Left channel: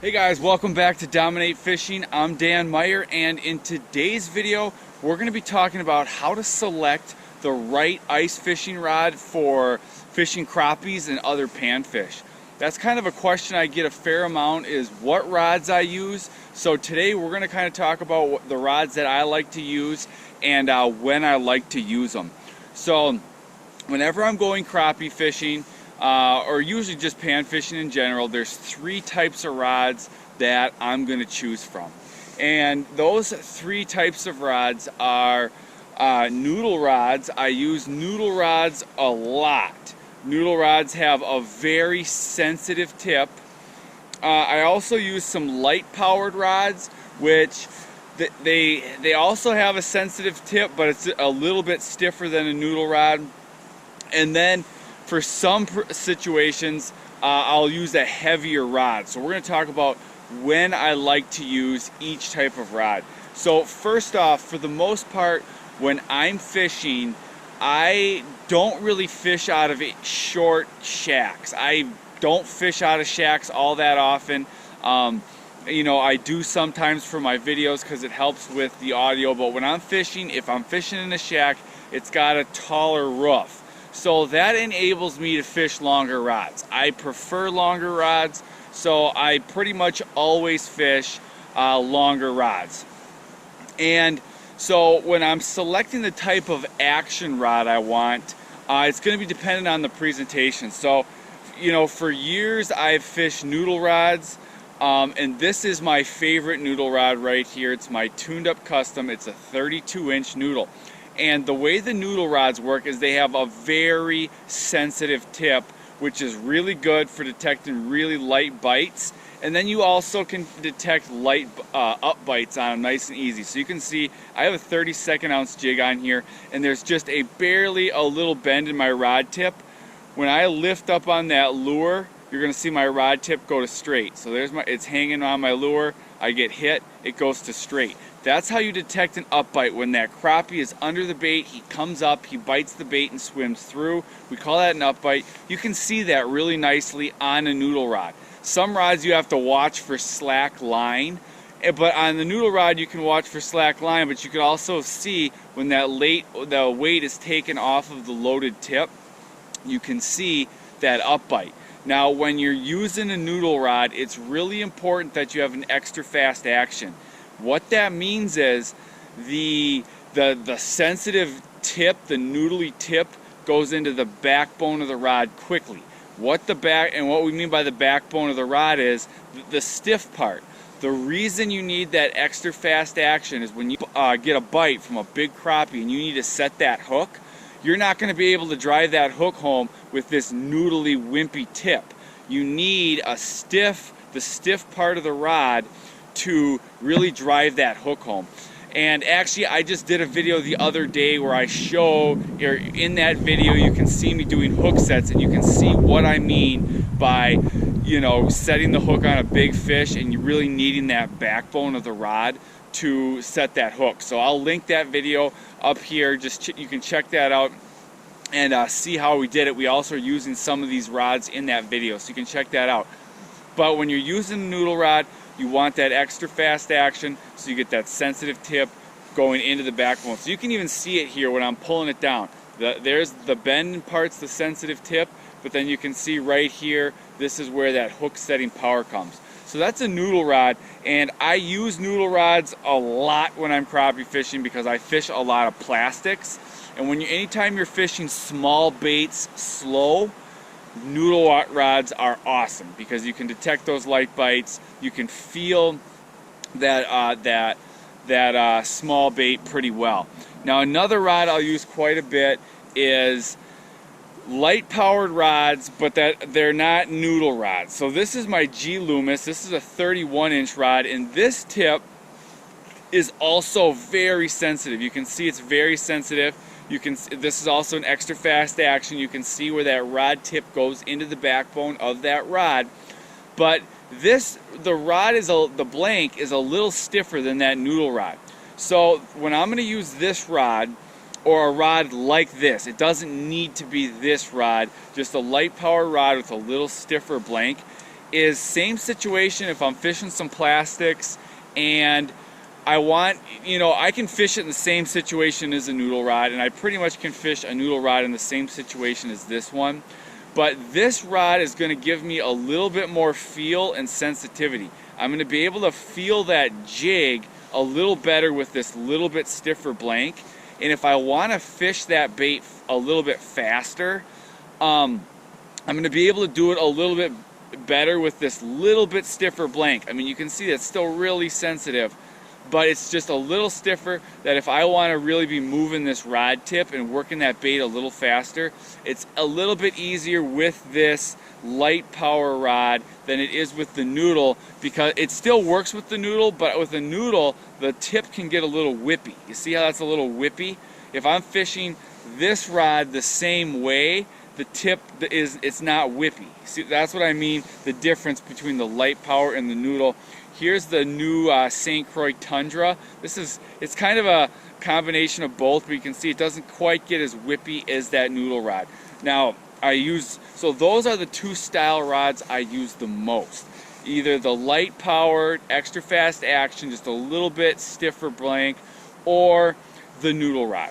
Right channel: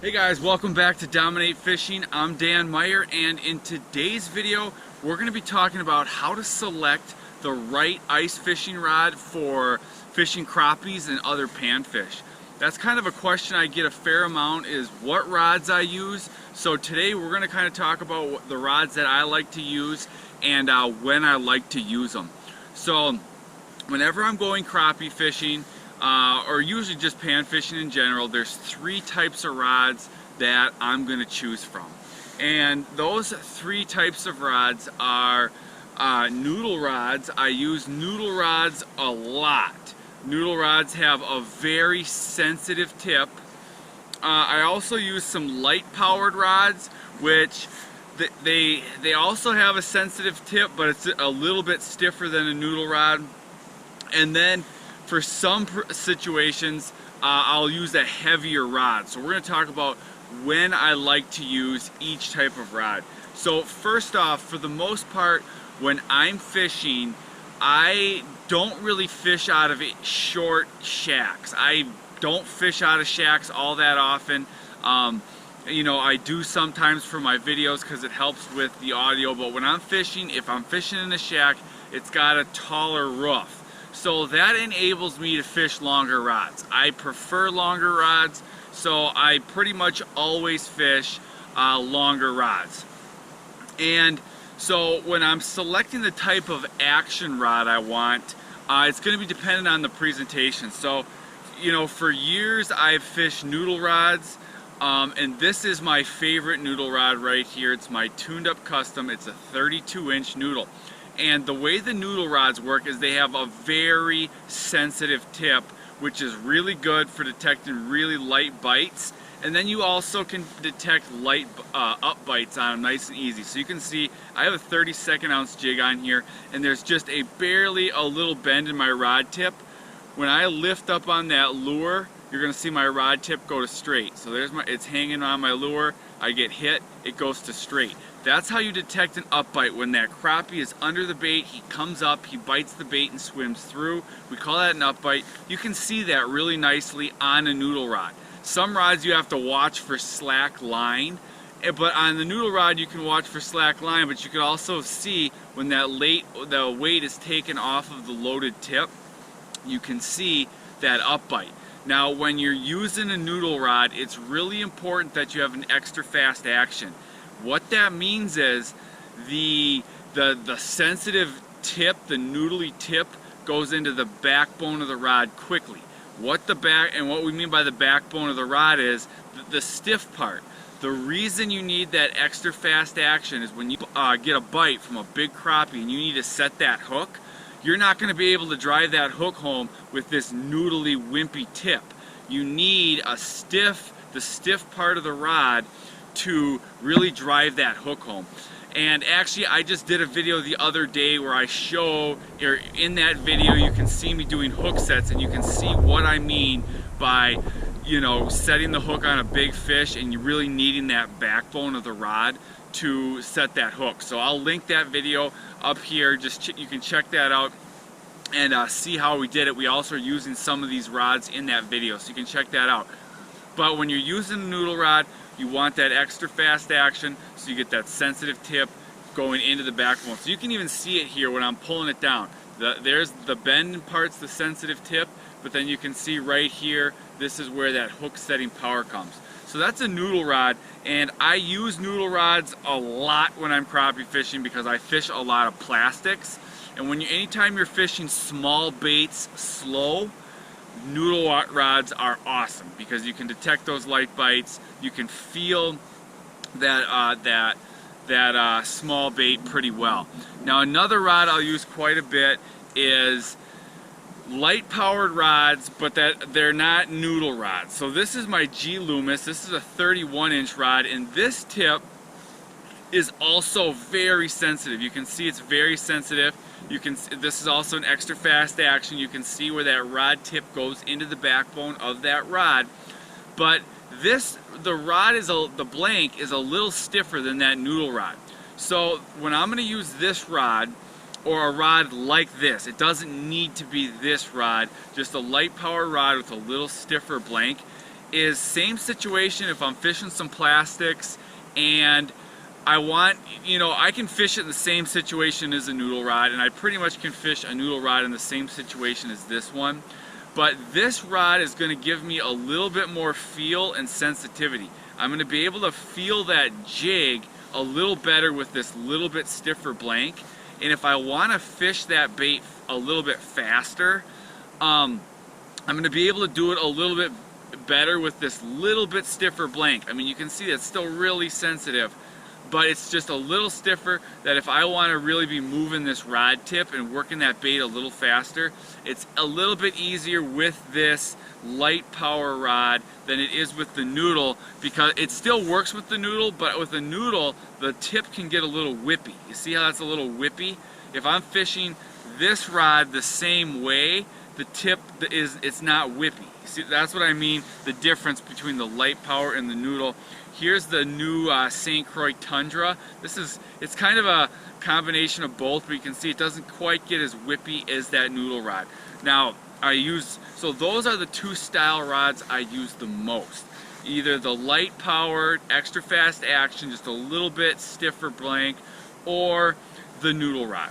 Hey guys, welcome back to Dominate Fishing. I'm Dan Meyer, and in today's video we're going to be talking about how to select the right ice fishing rod for fishing crappies and other panfish. That's kind of a question I get a fair amount, is what rods I use. So today we're going to kind of talk about the rods that I like to use and when I like to use them. So whenever I'm going crappie fishing, or usually just pan fishing in general, there's three types of rods that I'm going to choose from. And those three types of rods are noodle rods. I use noodle rods a lot. Noodle rods have a very sensitive tip. I also use some light powered rods, which they also have a sensitive tip, but it's a little bit stiffer than a noodle rod. And then for some situations, I'll use a heavier rod. So we're going to talk about when I like to use each type of rod. So first off, for the most part, when I'm fishing, I don't really fish out of short shacks. I don't fish out of shacks all that often. You know, I do sometimes for my videos because it helps with the audio, but when I'm fishing, if I'm fishing in a shack, it's got a taller roof. So that enables me to fish longer rods. I prefer longer rods, so I pretty much always fish longer rods. And so when I'm selecting the type of action rod I want, it's going to be dependent on the presentation. So, you know, for years I've fished noodle rods, and this is my favorite noodle rod right here. It's my tuned up custom. It's a 32-inch noodle. And the way the noodle rods work is they have a very sensitive tip, which is really good for detecting really light bites. And then you also can detect light up bites on them nice and easy. So you can see I have a 32nd ounce jig on here, and there's just barely a little bend in my rod tip. When I lift up on that lure, you're going to see my rod tip go to straight. So it's hanging on my lure. I get hit, it goes to straight. That's how you detect an up bite. When that crappie is under the bait, he comes up, he bites the bait and swims through. We call that an up bite. You can see that really nicely on a noodle rod. Some rods you have to watch for slack line, but on the noodle rod you can watch for slack line, but you can also see when the weight is taken off of the loaded tip, you can see that up bite. Now when you're using a noodle rod, it's really important that you have an extra fast action. What that means is the sensitive tip, the noodly tip, goes into the backbone of the rod quickly. What we mean by the backbone of the rod is the stiff part. The reason you need that extra fast action is when you get a bite from a big crappie and you need to set that hook, you're not going to be able to drive that hook home with this noodly, wimpy tip. You need the stiff part of the rod to really drive that hook home. And actually, I just did a video the other day where I show, or in that video you can see me doing hook sets, and you can see what I mean by, you know, setting the hook on a big fish and you really needing that backbone of the rod to set that hook. So I'll link that video up here. You can check that out and see how we did it. We also are using some of these rods in that video, so you can check that out. But when you're using a noodle rod, you want that extra fast action so you get that sensitive tip going into the backbone. So you can even see it here when I'm pulling it down. There's the bend part's the sensitive tip, but then you can see right here, this is where that hook setting power comes. So that's a noodle rod, and I use noodle rods a lot when I'm crappie fishing because I fish a lot of plastics. And anytime you're fishing small baits slow, noodle rods are awesome because you can detect those light bites. You can feel that small bait pretty well. Now another rod I'll use quite a bit is light powered rods, but they're not noodle rods. So this is my G Loomis. This is a 31-inch rod, and this tip is also very sensitive. You can see it's very sensitive. This is also an extra fast action. You can see where that rod tip goes into the backbone of that rod. But the blank is a little stiffer than that noodle rod. So when I'm going to use this rod, or a rod like this, it doesn't need to be this rod, just a light power rod with a little stiffer blank, is same situation if I'm fishing some plastics and I want, I can fish it in the same situation as a noodle rod, and I pretty much can fish a noodle rod in the same situation as this one. But this rod is going to give me a little bit more feel and sensitivity. I'm going to be able to feel that jig a little better with this little bit stiffer blank. And if I want to fish that bait a little bit faster, I'm going to be able to do it a little bit better with this little bit stiffer blank. I mean, you can see that's still really sensitive, but it's just a little stiffer, that if I want to really be moving this rod tip and working that bait a little faster, it's a little bit easier with this light power rod than it is with the noodle, because it still works with the noodle, but with the noodle the tip can get a little whippy. You see how that's a little whippy? If I'm fishing this rod the same way, the tip it's not whippy. See, that's what I mean, the difference between the light power and the noodle. Here's the new St. Croix Tundra. It's kind of a combination of both, but you can see it doesn't quite get as whippy as that noodle rod. Now, so those are the two style rods I use the most. Either the light powered, extra fast action, just a little bit stiffer blank, or the noodle rod.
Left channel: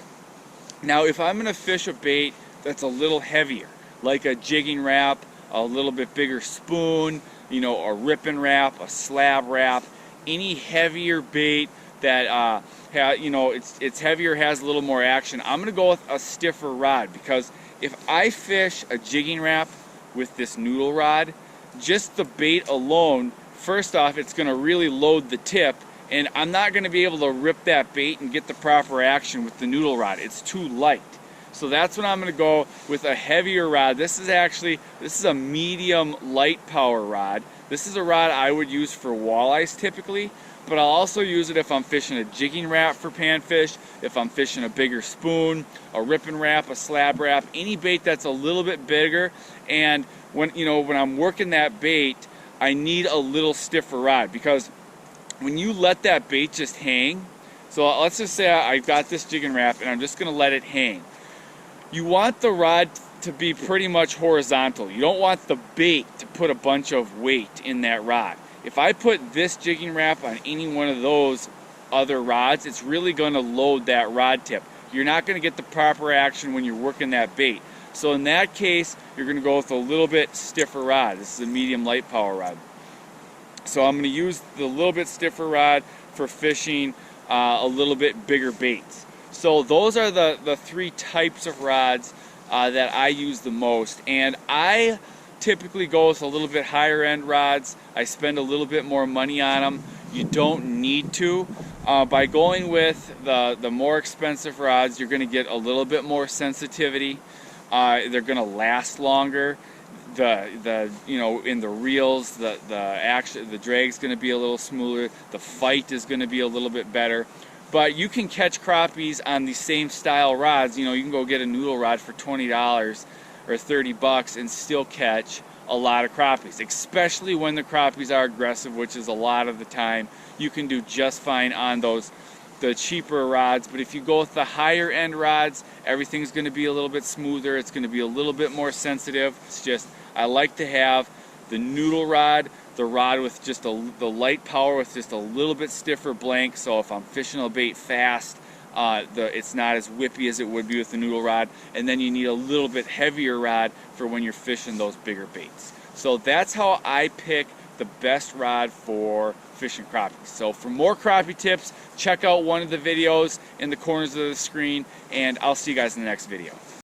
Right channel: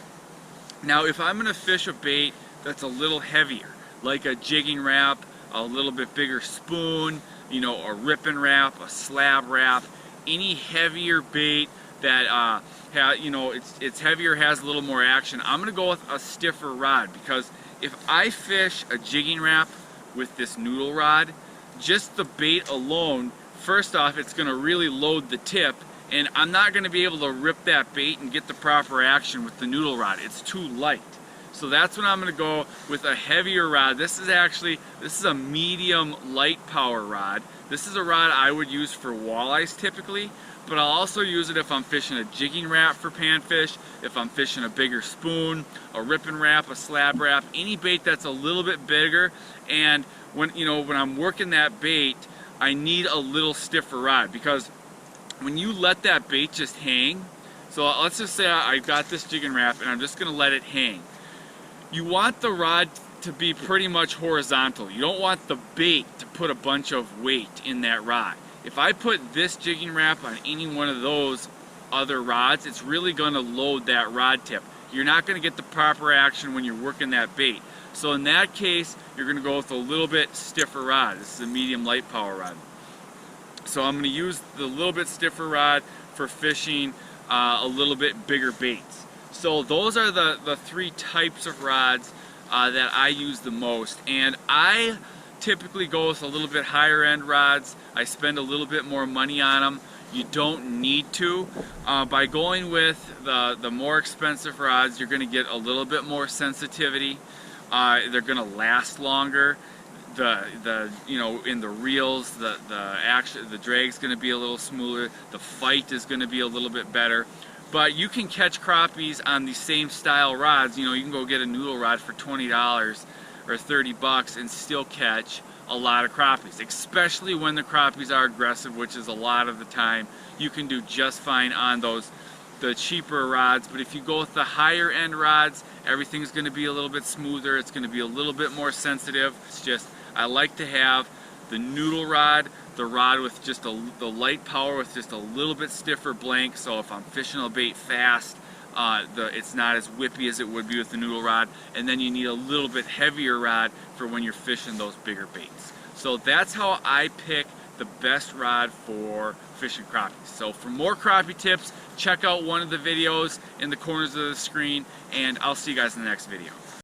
Now, if I'm gonna fish a bait that's a little heavier, like a jigging wrap, a little bit bigger spoon, a ripping wrap, a slab wrap, any heavier bait that it's heavier, has a little more action, I'm gonna go with a stiffer rod, because if I fish a jigging wrap with this noodle rod, just the bait alone, first off, it's gonna really load the tip, and I'm not gonna be able to rip that bait and get the proper action with the noodle rod. It's too light. So that's when I'm going to go with a heavier rod. This is a medium light power rod. This is a rod I would use for walleyes typically, but I'll also use it if I'm fishing a jigging wrap for panfish, if I'm fishing a bigger spoon, a ripping wrap, a slab wrap, any bait that's a little bit bigger. And when I'm working that bait, I need a little stiffer rod, because when you let that bait just hang, so let's just say I got this jigging wrap and I'm just going to let it hang. You want the rod to be pretty much horizontal. You don't want the bait to put a bunch of weight in that rod. If I put this jigging wrap on any one of those other rods, it's really going to load that rod tip. You're not going to get the proper action when you're working that bait. So in that case, you're going to go with a little bit stiffer rod. This is a medium light power rod. So I'm going to use the little bit stiffer rod for fishing a little bit bigger baits. So those are the three types of rods that I use the most, and I typically go with a little bit higher end rods. I spend a little bit more money on them. You don't need to. By going with the more expensive rods, you're going to get a little bit more sensitivity. They're going to last longer. In the reels, the drag's going to be a little smoother. The fight is going to be a little bit better. But you can catch crappies on the same style rods. You can go get a noodle rod for $20 or $30 and still catch a lot of crappies, especially when the crappies are aggressive, which is a lot of the time. You can do just fine on the cheaper rods, but if you go with the higher end rods, everything's going to be a little bit smoother. It's going to be a little bit more sensitive. It's just, I like to have the noodle rod, the rod with just the light power with just a little bit stiffer blank, so if I'm fishing a bait fast, it's not as whippy as it would be with the noodle rod. And then you need a little bit heavier rod for when you're fishing those bigger baits. So that's how I pick the best rod for fishing crappies. So for more crappie tips, check out one of the videos in the corners of the screen, and I'll see you guys in the next video.